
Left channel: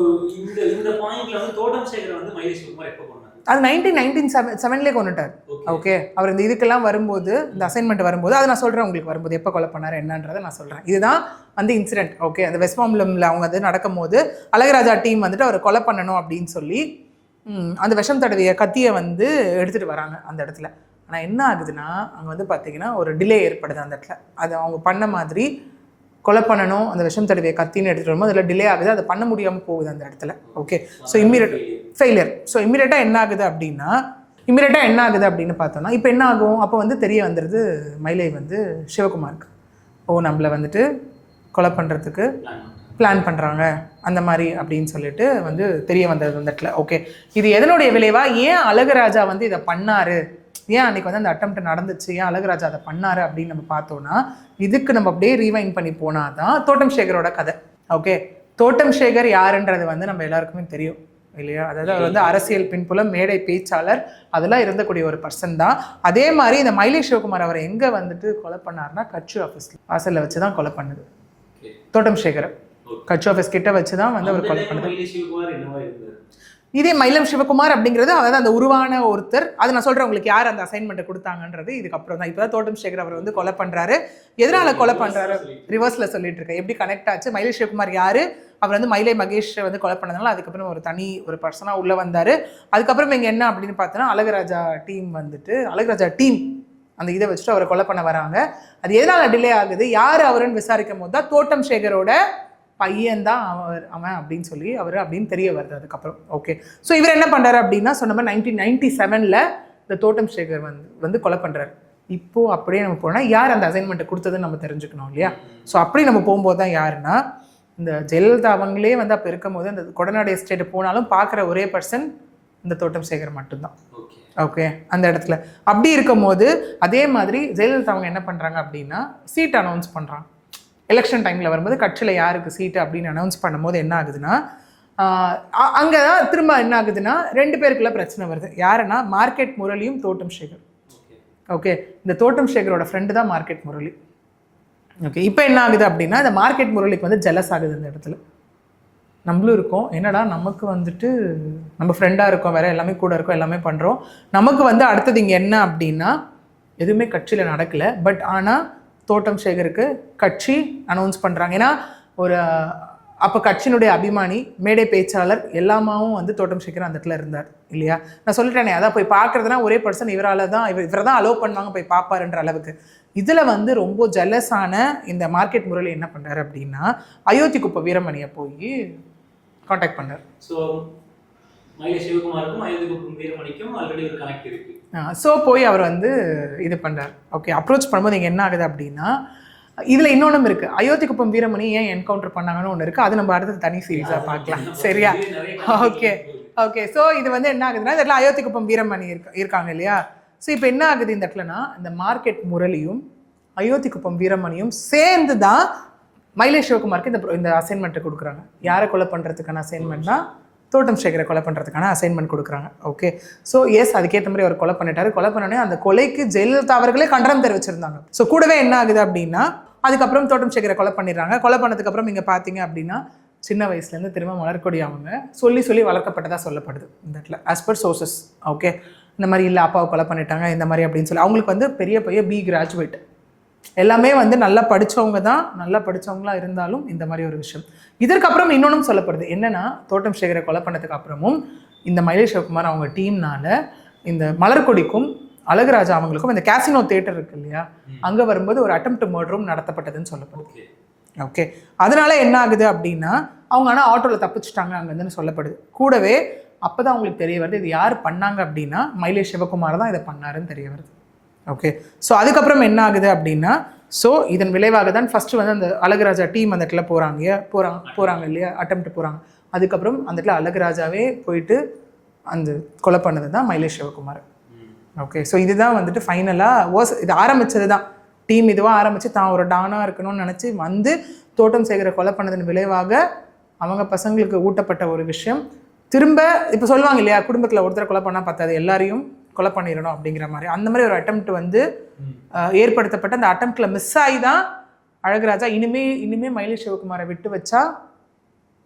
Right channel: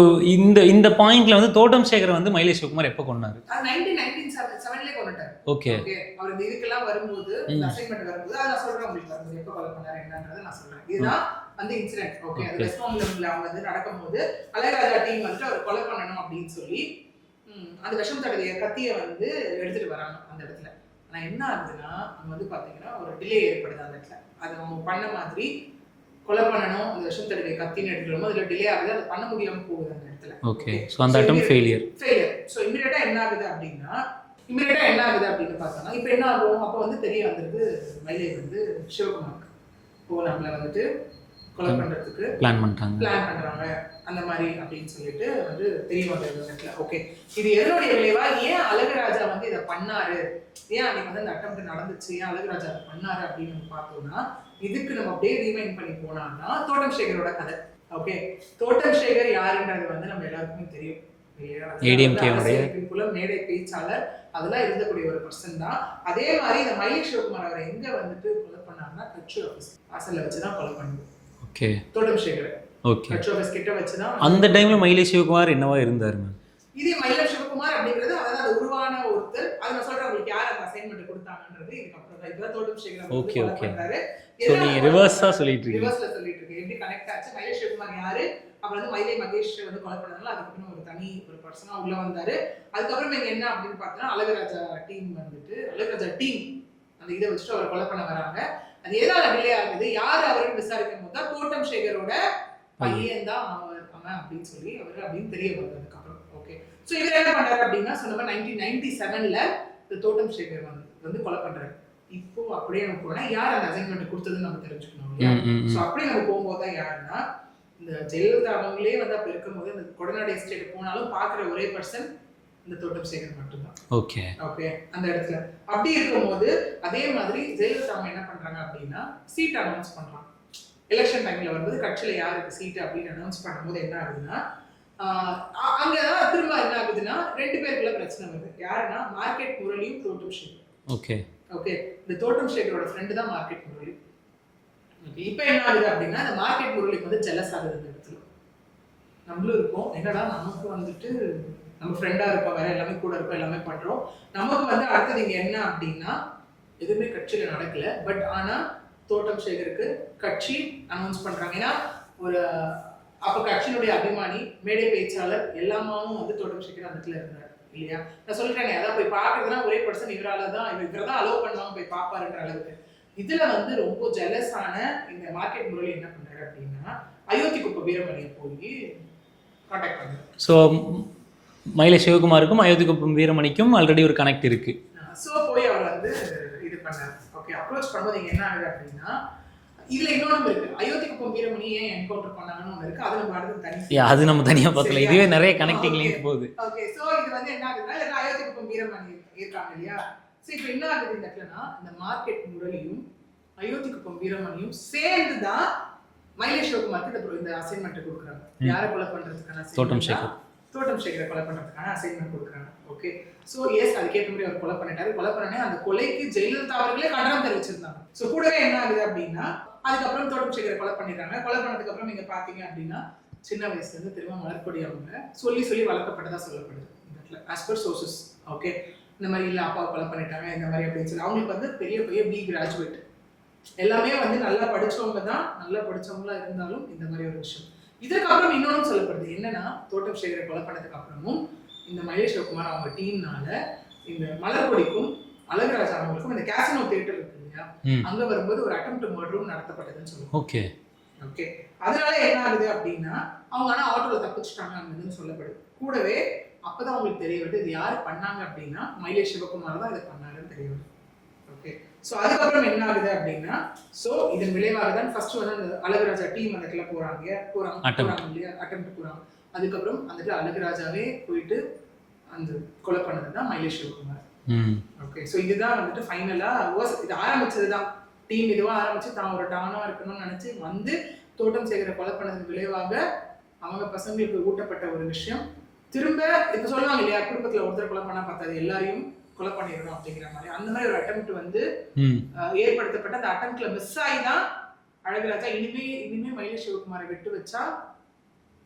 இந்த பாயிண்ட்ல வந்து தோட்டம் சேகர் வந்து மயிலை சிவகுமார் எப்போ கொண்டாரு? அது 1997 கொண்டுட்டார். ஓகே, அவர் இந்த இதுக்கெல்லாம் வரும்போது, இந்த அசைன்மெண்ட் வரும்போது, அதை நான் சொல்கிறேன் உங்களுக்கு, வரும்போது எப்போ கொலை பண்ணார் என்னன்றதை நான் சொல்கிறேன். இதுதான் வந்து இன்சிடென்ட். ஓகே, அந்த வெஸ்ட்மாம்பலமில் அவங்க வந்து நடக்கும் போது அழகுராஜா டீம் வந்துட்டு அவர் கொலை பண்ணணும் அப்படின்னு சொல்லி அந்த விஷம் தடவிய கத்தியை வந்து எடுத்துகிட்டு வராங்க அந்த இடத்துல. ஆனால் என்ன ஆகுதுன்னா, அங்கே வந்து பார்த்தீங்கன்னா ஒரு டிலே ஏற்படுது அந்த இடத்துல. அது அவங்க பண்ண மாதிரி கொலை பண்ணணும், அந்த விஷம் தடவிய கத்தின்னு எடுத்துகிட்டு வரும்போது அதில் டிலே ஆகுது, அதை பண்ண முடியாமல் போகுது அந்த இடத்துல. Okay, so failure. ஸோ இமீடியட்டாக என்ன ஆகுது அப்படின்னு பார்த்தோன்னா, இப்போ என்ன ஆகும், அப்போ வந்து தெரிய வந்துடுது மயிலை வந்து சிவகுமாருக்கு, நம்மளை வந்துட்டு கொலை பண்ணுறதுக்கு பிளான் பண்ணுறாங்க அந்த மாதிரி அப்படின்னு சொல்லிட்டு வந்து தெரிய வந்தது அந்த இடத்துல. ஓகே, இது எதனுடைய விளைவா, ஏன் அழகுராஜா வந்து இதை பண்ணாரு, ஏன் அன்றைக்கி வந்து அந்த அட்டெம்ப்ட் நடந்துச்சு, ஏன் அழகுராஜா அதை பண்ணாரு அப்படின்னு நம்ம பார்த்தோன்னா, இதுக்கு நம்ம அப்படியே ரீவைண்ட் பண்ணி போனால் தான் தோட்டம் சேகரோட கதை. ஓகே, தோட்டம் சேகர் யாருன்றது வந்து நம்ம எல்லாருக்குமே தெரியும் இல்லையா, அதாவது வந்து அரசியல் பின்புலம், மேடை பேச்சாளர், அதெல்லாம் இருந்தக்கூடிய ஒரு பர்சன் தான். அதே மாதிரி இந்த மயிலை சிவகுமார் அவரை எங்கே வந்துட்டு கொலை பண்ணார்னா, கட்சி ஆஃபீஸ் வாசலில் வச்சு தான் கொலை பண்ணுது. ஓகே, தோட்டம் சேகர் கட்சி ஆஃபீஸ் கிட்ட வச்சு தான். அந்த டைம்ல மயிலை சிவகுமார் என்னவா இருந்தார்? இதே மயிலம் சிவகுமார் அப்படிங்கிறது அதாவது அந்த உருவான ஒருத்தர். அது நான் சொல்றேன் உங்களுக்கு யார் அந்த அசைன்மெண்ட் கொடுத்தாங்கன்றது இதுக்கப்புறம் தான். இப்பதான் தோட்டம் சேகர் அவர் வந்து கொலை பண்றாரு. எதனால கொலை பண்றாரு ரிவர்ஸ்ல சொல்லிட்டு இருக்கேன். எப்படி கனெக்ட் ஆச்சு? மயிலை சிவகுமார் யாரு? அவர் வந்து மயிலை மகேஷ் வந்து கொலை பண்ணதுனால அதுக்கப்புறம் ஒரு தனி ஒரு பர்சனா உள்ள வந்தாரு. அதுக்கப்புறம் இங்க என்ன அப்படின்னு பார்த்தோன்னா அழகுராஜா டீம் வந்துட்டு அழகுராஜா டீம் அந்த இதை வச்சுட்டு அவரை கொலை பண்ண வராங்க. அது எதனால டிலே ஆகுது, யார் அவருன்னு விசாரிக்கும் போது தான் தோட்டம் சேகரோட பையன் தான் அவன் அப்படின்னு சொல்லி அவர் அப்படின்னு தெரிய வருது அதுக்கப்புறம். ஓகே, ஸோ இவர் என்ன பண்ணுறாரு அப்படின்னா சொன்ன மாதிரி 1997 இந்த தோட்டம் சேகர் வந்து கொலை பண்ணுறாரு. இப்போ அப்படியே நம்ம போனால் யார் அந்த அசைன்மெண்ட்டை கொடுத்ததுன்னு நம்ம தெரிஞ்சுக்கணும் இல்லையா? ஸோ அப்படி நம்ம போகும்போது தான் யாருன்னா இந்த ஜெயலலிதா அவங்களே வந்து அப்போ இருக்கும் போது அந்த கொடநாடு எஸ்டேட் போனாலும் பார்க்குற ஒரே பர்சன் இந்த தோட்டம் சேகர் மட்டும்தான். ஓகே ஓகே, அந்த இடத்துல அப்படி இருக்கும் போது அதே மாதிரி ஜெயலலிதா அவங்க என்ன பண்ணுறாங்க அப்படின்னா சீட் அனௌன்ஸ் பண்ணுறாங்க. எலெக்ஷன் டைமில் வரும்போது கட்சியில் யாருக்கு சீட்டு அப்படின்னு அனௌன்ஸ் பண்ணும்போது என்ன ஆகுதுன்னா அங்கே தான் திரும்ப என்ன ஆகுதுன்னா 2 பேருக்குள்ள பிரச்சனை வருது. யாருன்னா மார்க்கெட் முரளியும் தோட்டம் சேகர். ஓகே ஓகே, இந்த தோட்டம் சேகரோட ஃப்ரெண்டு தான் மார்க்கெட் முரளி. ஓகே, இப்போ என்ன ஆகுது அப்படின்னா இந்த மார்க்கெட் முரளிக்கு வந்து ஜெலஸ் ஆகுது. இந்த இடத்துல நம்மளும் இருக்கோம், என்னடா நமக்கு வந்துட்டு நம்ம ஃப்ரெண்டாக இருக்கோம், வேற எல்லாமே கூட இருக்கோம், எல்லாமே பண்ணுறோம், நமக்கு வந்து அடுத்தது இங்கே என்ன அப்படின்னா எதுவுமே கட்சியில் நடக்கலை. பட் ஆனால் தோட்டம் சேகருக்கு கட்சி அனௌன்ஸ் பண்ணுறாங்க. ஏன்னா ஒரு அப்போ கட்சியினுடைய அபிமானி மேடை பேச்சாளர் எல்லாமாவும் வந்து தோட்டம் சேகர் அந்த இடத்துல இருந்தார் இல்லையா? நான் சொல்லிட்டேனே, அதான் போய் பார்க்குறதுனா ஒரே பர்சன் இவரால் தான் இவரை தான் அலோவ் பண்ணுவாங்க போய் பார்ப்பாருன்ற அளவுக்கு. இதில் வந்து ரொம்ப ஜெலஸான இந்த மார்க்கெட் முரளி என்ன பண்ணுறாரு அப்படின்னா அயோத்தி குப்பை வீரமணியை போய் காண்டாக்ட் பண்ணார். ஸோ மயிலை சிவகுமாருக்கும் அயோத்தி குப்பம் வீரமணிக்கும் ஆல்ரெடி ஒரு கனெக்ட் இருக்கு. ஸோ போய் அவர் வந்து இது பண்ணார். ஓகே, அப்ரோச் பண்ணும்போது இங்கே என்ன ஆகுது அப்படின்னா இதில் இன்னொன்றும் இருக்கு. அயோத்தி குப்பம் வீரமணி ஏன் என்கவுண்டர் பண்ணாங்கன்னு ஒன்று இருக்கு. அது நம்ம அடுத்து தனி அது நம்ம தனியாக சரியா நிறைய கனெக்ட் போகுது. ஓகே, ஸோ இது வந்து என்ன ஆகுதுன்னா இந்த இடத்துல அயோத்தி குப்பம் வீரமணி இருக்காங்க இல்லையா? ஸோ இப்போ என்ன ஆகுது இந்த இடத்துலனா இந்த மார்க்கெட் முரளியும் அயோத்தி குப்பம் வீரமணியும் சேர்ந்து தான் மயிலை சிவகுமாருக்கு இந்த அசைன்மெண்ட்டை கொடுக்குறாங்க. யாரை கொலை பண்ணுறதுக்கான அசைன்மெண்ட்னா தோட்டம் சேகரை கொலை பண்ணுறதுக்கான அசைன்மெண்ட் கொடுக்குறாங்க. ஓகே, ஸோ எஸ் அதுக்கேற்ற மாதிரி அவர் கொலை பண்ணிட்டாரு. கொலை பண்ணோடனே அந்த கொலைக்கு ஜெயலலிதா அவர்களே கண்டனம் தெரிவிச்சிருந்தாங்க. ஸோ கூடவே என்ன ஆகுது அப்படின்னா அதுக்கப்புறம் தோட்டம் சேகரை கொலை பண்ணிடுறாங்க. கொலை பண்ணதுக்கப்புறம் நீங்கள் பார்த்தீங்க அப்படின்னா சின்ன வயசுலேருந்து திரும்ப மலர்கொடி அவங்க சொல்லி வளர்க்கப்பட்டதாக சொல்லப்படுது இந்த இடத்துல ஆஸ் பர் சோர்சஸ். ஓகே, இந்த மாதிரி இல்லை அப்பாவை கொலை பண்ணிட்டாங்க இந்த மாதிரி அப்படின்னு சொல்லி அவங்களுக்கு வந்து பெரிய பி கிராஜுவேட் எல்லாமே வந்து நல்லா படித்தவங்க தான், நல்லா படித்தவங்களா இருந்தாலும் இந்த மாதிரி ஒரு விஷயம். இதற்கப்புறம் இன்னொன்றும் சொல்லப்படுது என்னன்னா தோட்டம் சேகரை கொலை பண்ணதுக்கு அப்புறமும் இந்த மயிலை சிவகுமார் அவங்க டீம்னால இந்த மலர்கொடிக்கும் அழகுராஜா அவங்களுக்கும் இந்த கேசினோ தியேட்டர் இருக்கு இல்லையா, அங்கே வரும்போது ஒரு அட்டெம்ப்ட் மர்டரும் நடத்தப்பட்டதுன்னு சொல்லுவோம். ஓகே ஓகே, அதனால என்ன ஆகுது அப்படின்னா அவங்க ஆனால் ஆட்டோவில் தப்பிச்சுட்டாங்க அங்கேருந்து சொல்லப்படுது. கூடவே அப்போ தான் அவங்களுக்கு தெரிய வருது இது யார் பண்ணாங்க அப்படின்னா மயிலை சிவகுமார் தான் இதை பண்ணாருன்னு தெரிய வருது. ஓகே, ஸோ அதுக்கப்புறம் என்ன ஆகுது அப்படின்னா ஸோ இதன் விளைவாக தான் ஃபஸ்ட்டு வந்து அந்த அழகுராஜா டீம் அந்த இடத்துல போகிறாங்க இல்லையா, அட்டெம்ப்ட் போகிறாங்க. அதுக்கப்புறம் அந்த இடத்துல அழகுராஜாவே போயிட்டு அந்த கொலை பண்ணது தான் மயிலை சிவகுமார். ஓகே, ஸோ இதுதான் வந்துட்டு ஃபைனலாக இது ஆரம்பித்தது தான் டீம் இதுவாக ஆரம்பித்து தான் ஒரு டானாக இருக்கணும்னு நினச்சி வந்து தோட்டம் சேகரை கொலை பண்ணதன் விளைவாக அவங்க பசங்களுக்கு ஊட்டப்பட்ட ஒரு விஷயம். திரும்ப இப்போ சொல்லுவாங்க இல்லையா குடும்பத்தில் ஒருத்தரை கொலை பண்ணால் பத்தாது எல்லாரையும் கொலை பண்ணிடணும் அப்படிங்கிற மாதிரி அந்த மாதிரி ஒரு அட்டெம்ப்ட் வந்து ஏற்படுத்தப்பட்ட அந்த அட்டெம்ப்ட்ல மிஸ் ஆகி தான் அழகுராஜா இனிமே மயிலை சிவகுமாரை விட்டு வச்சா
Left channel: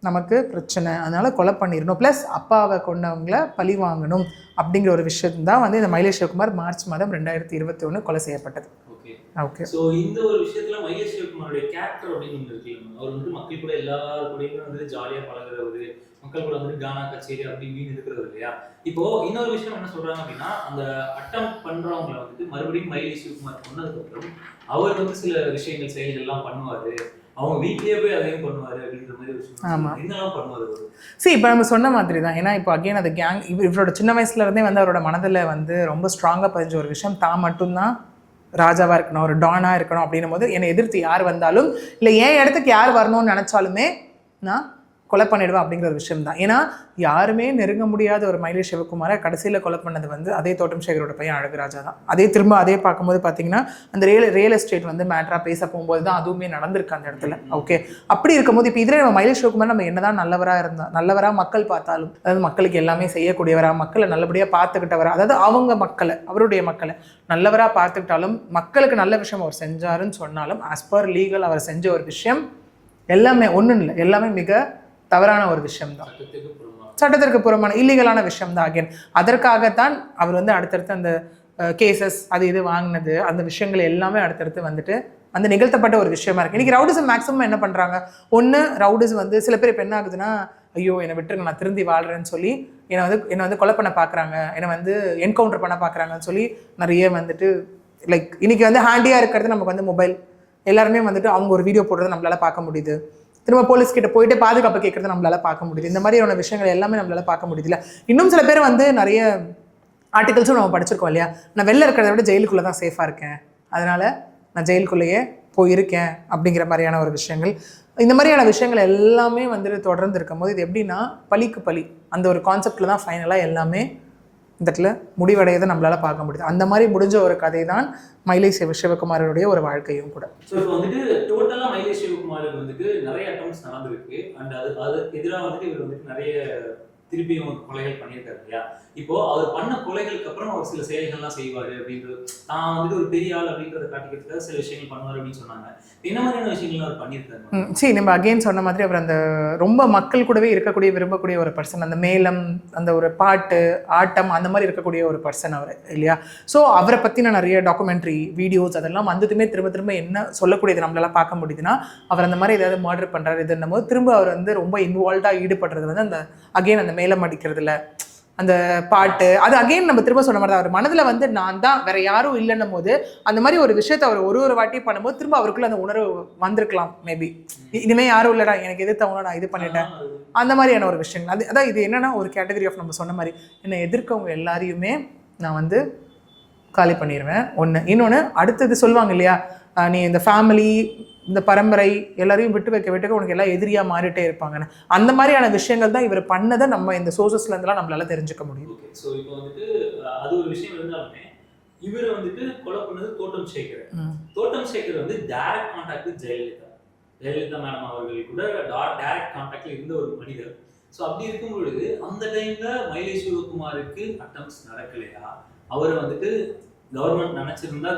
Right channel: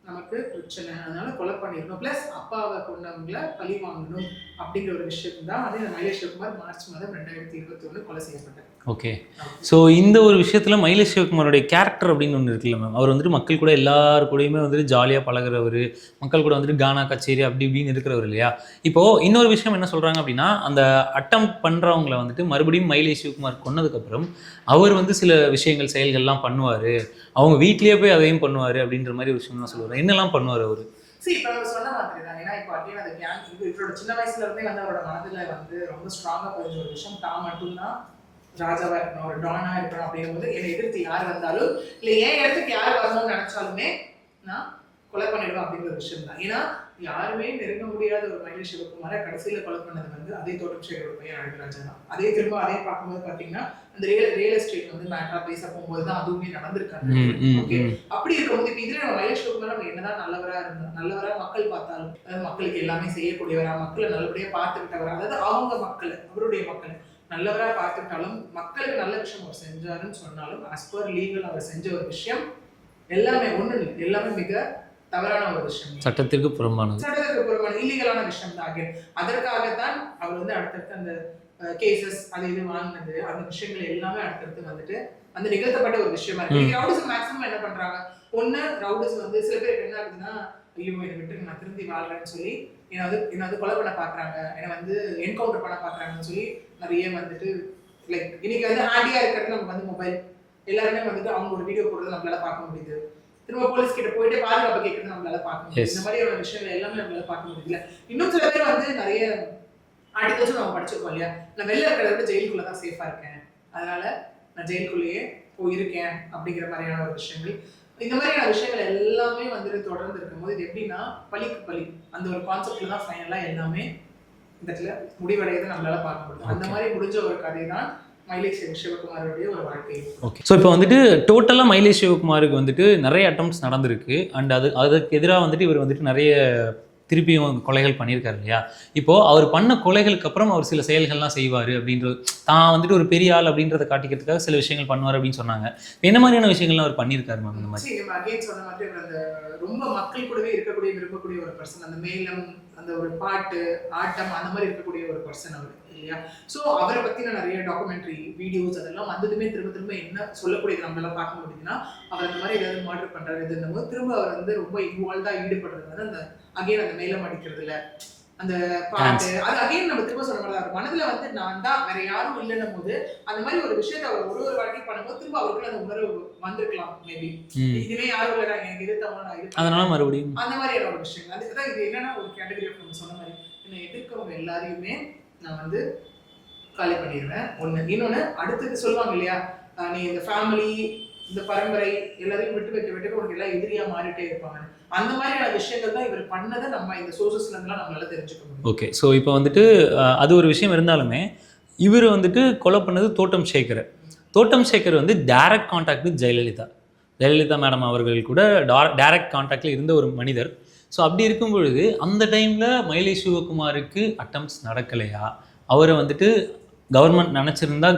நமக்கு பிரச்சனை, அதனால கொலை பண்ணிடணும், ப்ளஸ் அப்பாவை கொண்டவங்களை பழி வாங்கணும் அப்படிங்கிற ஒரு விஷயம் தான் வந்து இந்த மயிலை சிவகுமார் மார்ச் மாதம் 2021 கொலை செய்யப்பட்டது. ஓகே ஓகே, ஸோ இந்த ஒரு விஷயத்தில் மயிலை சிவகுமாரோடைய கேரக்டர் அப்படின்னு ஒன்று இருக்குல்ல மேம், அவர் வந்துட்டு மக்கள் கூட எல்லாரு கூடயுமே வந்துட்டு ஜாலியாக பழகிறவர், மக்கள் கூட வந்துட்டு கானா கச்சேரி அப்படி இப்படின்னு இருக்கிறவர் இல்லையா. இப்போது இன்னொரு விஷயம் என்ன சொல்கிறாங்க அப்படின்னா அந்த அட்டம் பண்ணுறவங்களை வந்துட்டு மறுபடியும் மயிலை சிவகுமார் கொன்னதுக்கப்புறம் அவர் வந்து சில விஷயங்கள் செயல்கள்லாம் பண்ணுவார், அவங்க வீட்லேயே போய் அதையும் பண்ணுவார் அப்படின்ற மாதிரி ஒரு விஷயம். என்னெல்லாம் பண்ணுவார் அவர்? இப்போ நம்ம சொன்ன மாதிரி தான். ஏன்னா இப்போ அகெயின் அது கேங் இவரோட சின்ன வயசுலேருந்தே வந்து அவரோட மனதில் வந்து ரொம்ப ஸ்ட்ராங்காக பதிஞ்ச ஒரு விஷயம் தான் மட்டும்தான் ராஜாவாக இருக்கணும், ஒரு டானாக இருக்கணும் அப்படின்னும் போது என்னை எதிர்த்து யார் வந்தாலும் இல்லை என் இடத்துக்கு யார் வரணும்னு நினச்சாலுமே நான் கொலை பண்ணிடுவேன் அப்படிங்கிற ஒரு விஷயம் தான். ஏன்னா யாருமே நெருங்க முடியாத ஒரு மயிலை சிவகுமாரை கடைசியில் கொலை பண்ணது வந்து அதே தோட்டம் சேகரோட பையன் அழகுராஜா தான். அதே பார்க்கும்போது பார்த்தீங்கன்னா அந்த ரியல் எஸ்டேட் வந்து மேட்ரா பேச போகும்போது தான் அதுவுமே நடந்திருக்கு அந்த இடத்துல. ஓகே, அப்படி இருக்கும்போது இப்போ இதில் நம்ம மயிலை சிவகுமார் நம்ம என்னதான் நல்லவராக மக்கள் பார்த்தாலும், அதாவது மக்களுக்கு எல்லாமே செய்யக்கூடியவரா, மக்களை நல்லபடியாக பார்த்துக்கிட்டவரா, அதாவது அவங்க மக்களை அவருடைய மக்களை நல்லவராக பார்த்துக்கிட்டாலும் மக்களுக்கு நல்ல விஷயம் அவர் செஞ்சாருன்னு சொன்னாலும் ஆஸ் பர் லீகல் அவர் செஞ்ச ஒரு விஷயம் எல்லாமே ஒன்றும் இல்லை, எல்லாமே மிக தவறான ஒரு விஷயம் தான், சட்டத்திற்கு புறம்பானது, சட்டத்திற்கு புறம்பான இல்லீகலான விஷயம் தான். அகைன் அதற்காகத்தான் அவர் வந்து அடுத்தடுத்து அந்த கேசஸ் அது இது வாங்கினது, அந்த விஷயங்கள் எல்லாமே அடுத்தடுத்து வந்துட்டு அந்த நிகழ்த்தப்பட்ட ஒரு விஷயமா இருக்கு. இன்னைக்கு ரவுடிசம் மேக்ஸிமம் என்ன பண்றாங்க, ஒன்று ரவுடிஸ் வந்து சில பேர் இப்போ என்ன ஆகுதுன்னா, ஐயோ என்னை விட்டுருங்க நான் திருந்தி வாழ்றேன்னு சொல்லி என்னை வந்து கொலை பண்ண பார்க்குறாங்க, என்னை வந்து என்கவுண்டர் பண்ண பார்க்குறாங்கன்னு சொல்லி நிறைய வந்துட்டு லைக் இன்னைக்கு வந்து ஹேண்டியாக இருக்கிறது நமக்கு வந்து மொபைல், எல்லாருமே வந்துட்டு அவங்க ஒரு வீடியோ போடுறது நம்மளால பார்க்க முடியுது, திரும்ப போலீஸ் கிட்ட போயிட்டு பாதுகாப்பு கேட்கறது நம்மளால பார்க்க முடியுது, இந்த மாதிரியான விஷயங்கள் எல்லாமே நம்மளால பார்க்க முடியுதுல. இன்னும் சில பேர் வந்து நிறைய ஆர்டிகல்ஸும் நம்ம படிச்சிருக்கோம் இல்லையா, நான் வெளில இருக்கிறத விட ஜெயிலுக்குள்ளே தான் சேஃபாக இருக்கேன், அதனால நான் ஜெயிலுக்குள்ளேயே போயிருக்கேன் அப்படிங்கிற மாதிரியான ஒரு விஷயங்கள், இந்த மாதிரியான விஷயங்கள் எல்லாமே வந்துட்டு தொடர்ந்து இருக்கும் போது இது எப்படின்னா பழிக்கு பழி அந்த ஒரு கான்செப்டில் தான் ஃபைனலாக எல்லாமே இந்த இடத்துல முடிவடையதை நம்மளால பார்க்க முடியுது. அந்த மாதிரி முடிஞ்ச ஒரு கதை தான் மயிலை சிவகுமாரோடைய ஒரு வாழ்க்கையும் கூட. ஸோ இப்போ வந்துட்டு டோட்டலாக மயிலை சிவகுமாருக்கு வந்துட்டு நிறைய அட்டம்ப்ட்ஸ் நடந்திருக்கு. அண்ட் அதுக்கு எதிராக வந்துட்டு இவர் வந்துட்டு நிறைய திருப்பியும் கொலைகள் பண்ணியிருக்காரு இல்லையா. இப்போது அவர் பண்ண கொலைகளுக்கு அப்புறம் அவர் சில செயல்கள்லாம் செய்வார் அப்படின்றது, தான் வந்துட்டு ஒரு பெரிய ஆள் அப்படின்றத காட்டிக்கிறதுக்காக சில விஷயங்கள் பண்ணுவார் அப்படின்னு சொன்னாங்க. என்ன மாதிரியான விஷயங்கள்லாம் அவர் பண்ணியிருக்காரு? சரி, நம்ம அகெயின் சொன்ன மாதிரி அவர் அந்த ரொம்ப மக்கள் கூடவே இருக்கக்கூடிய விரும்பக்கூடிய ஒரு பர்சன், அந்த மேளம் அந்த ஒரு பாட்டு ஆட்டம் அந்த மாதிரி இருக்கக்கூடிய ஒரு பர்சன் அவர் இல்லையா. ஸோ அவரை பற்றின நிறைய டாக்குமெண்ட்ரி வீடியோஸ் அதெல்லாம் வந்ததுமே திரும்ப திரும்ப என்ன சொல்லக்கூடியது நம்மளால பார்க்க முடியுதுன்னா, அவர் அந்த மாதிரி ஏதாவது மர்டர் பண்ணுறாரு இதுன்னும் போது திரும்ப அவர் வந்து ரொம்ப இன்வால்வ்டாக ஈடுபடுறது வந்து அந்த அகெயின் அந்த மேலம் அடிக்கிறதுல அந்த பாட்டு அது அகைன் நம்ம திரும்ப சொன்ன மாதிரி தான் அவர் மனதில் வந்து நான் தான் வேற யாரும் இல்லைன்னும் போது அந்த மாதிரி ஒரு விஷயத்த அவர் ஒரு வாட்டி பண்ணும்போது திரும்ப அவருக்குள்ள அந்த உணர்வு வந்திருக்கலாம். மேபி இனிமே யாரும் இல்லடா எனக்கு எதிர்த்தவங்க நான் இது பண்ணலாம் மறுபடியும் அந்த மாதிரியான ஒரு விஷயம். அதான் இது என்னன்னா ஒரு கேட்டகரி ஆஃப் நம்ம சொன்ன மாதிரி என்னை எதிர்க்கவங்க எல்லாரையுமே நான் வந்து காலி பண்ணிடுவேன். ஒன்று. இன்னொன்று அடுத்தது சொல்லுவாங்க இல்லையா, நீ இந்த ஃபேமிலி இந்த பரம்பரை எல்லாரையும் விட்டு உனக்கு எல்லாம் எதிரியாக மாறிட்டே இருப்பாங்கன்னு, அந்த மாதிரியான விஷயங்கள் தான் இவர் பண்ணதை நம்ம இந்த சோர்சஸ்லேருந்துலாம் நம்மளால தெரிஞ்சுக்க முடியும். ஓகே. ஸோ இப்போ வந்துட்டு அது ஒரு விஷயம் இருந்தாலுமே இவர் வந்துட்டு கொலை பண்ணது தோட்டம் சேகர். தோட்டம் சேகர் வந்து direct contact with Jayalalithaa madam அவர்கள் கூட டைரக்ட் கான்டாக்டில் இருந்த ஒரு மனிதர். ஸோ அப்படி இருக்கும் பொழுது அந்த டைமில் மயிலை சிவகுமாருக்கு அட்டம்ப்ட்ஸ் நடக்கலையா? அவரை வந்துட்டு கவர்மெண்ட் நினச்சிருந்தா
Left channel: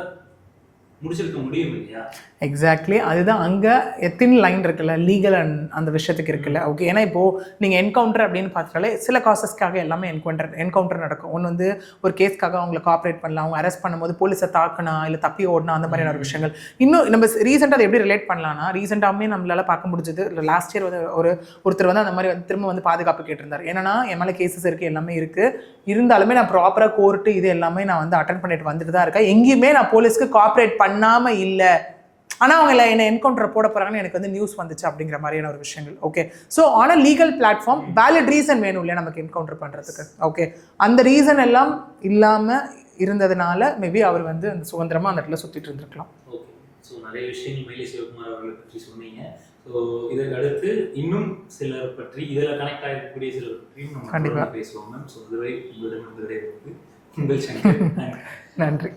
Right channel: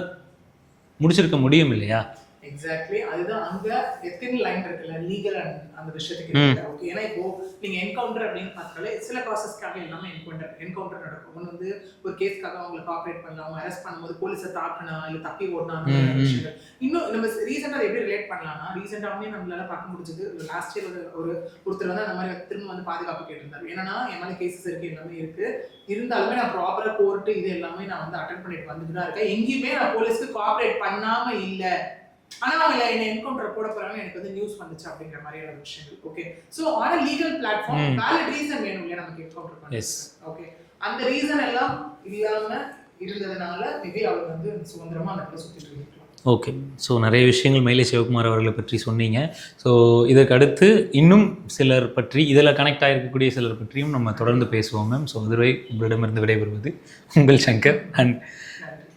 முடிச்சிருக்க முடியும் இல்லையா? எக்ஸாக்ட்லி, அதுதான் அங்கே எத்தின் லைன் இருக்குல்ல லீகல் அண்ட் அந்த விஷயத்துக்கு இருக்குல்ல. ஓகே, ஏன்னா இப்போது நீங்கள் என்கவுண்டர் அப்படின்னு பார்த்தாலே சில காசஸ்க்காக எல்லாமே என்கவுண்டர் நடக்கும். ஒன்று வந்து ஒரு கேஸ்க்காக அவங்களை காப்பரேட் பண்ணலாம், அவங்க அரெஸ்ட் பண்ணும்போது போலீஸை தாக்கணும் இல்லை தப்பி ஓடணும், அந்த மாதிரியான விஷயங்கள். இன்னும் நம்ம ரீசெண்டாக அதை எப்படி ரிலேட் பண்ணலாம்னா, ரீசெண்டாகவே நம்மளால பார்க்க முடிஞ்சது லாஸ்ட் இயர் வந்து ஒருத்தர் வந்து அந்த மாதிரி வந்து திரும்ப வந்து பாதுகாப்பு கேட்டிருந்தார். ஏன்னா என் மேலே கேசஸ் இருக்குது எல்லாமே இருக்குது, இருந்தாலுமே நான் ப்ராப்பராக கோர்ட்டு இது எல்லாமே நான் வந்து அட்டன் பண்ணிட்டு வந்துட்டு தான் இருக்கேன், எங்கேயுமே நான் போலீஸ்க்கு காப்பரேட் பண்ணாமல் இல்லை, ஆனால் அவங்க என்ன என்கவுண்டர் போட போகிறாங்கன்னு எனக்கு வந்து நியூஸ் வந்துச்சு அப்படிங்கிற மாதிரியான ஒரு விஷயங்கள். Okay, so on a legal platform valid reason வேணும் இல்லையா நமக்கு என்கவுண்டர் பண்ணுறதுக்கு. ஓகே, அந்த ரீசன் எல்லாம் இல்லாமல் இருந்ததுனால மேபி அவர் வந்து சுதந்திரமாக அந்த இடத்துல சுற்றிட்டு இருந்திருக்கலாம். ஓகே, ஸோ நிறைய விஷயங்கள் மயிலை சிவகுமார் அவர்களை பற்றி சொன்னீங்க. ஸோ இதற்கு அடுத்து இன்னும் சிலர் பற்றி இதில் கனெக்ட் ஆகிருக்கக்கூடிய சிலர் பற்றியும் நம்ம தொடர்ந்து பேசுவோம் மேம். ஸோ அதுவரை உங்களிடமிருந்து விடைபெறுவது உங்கள் சங்கர். நன்றி.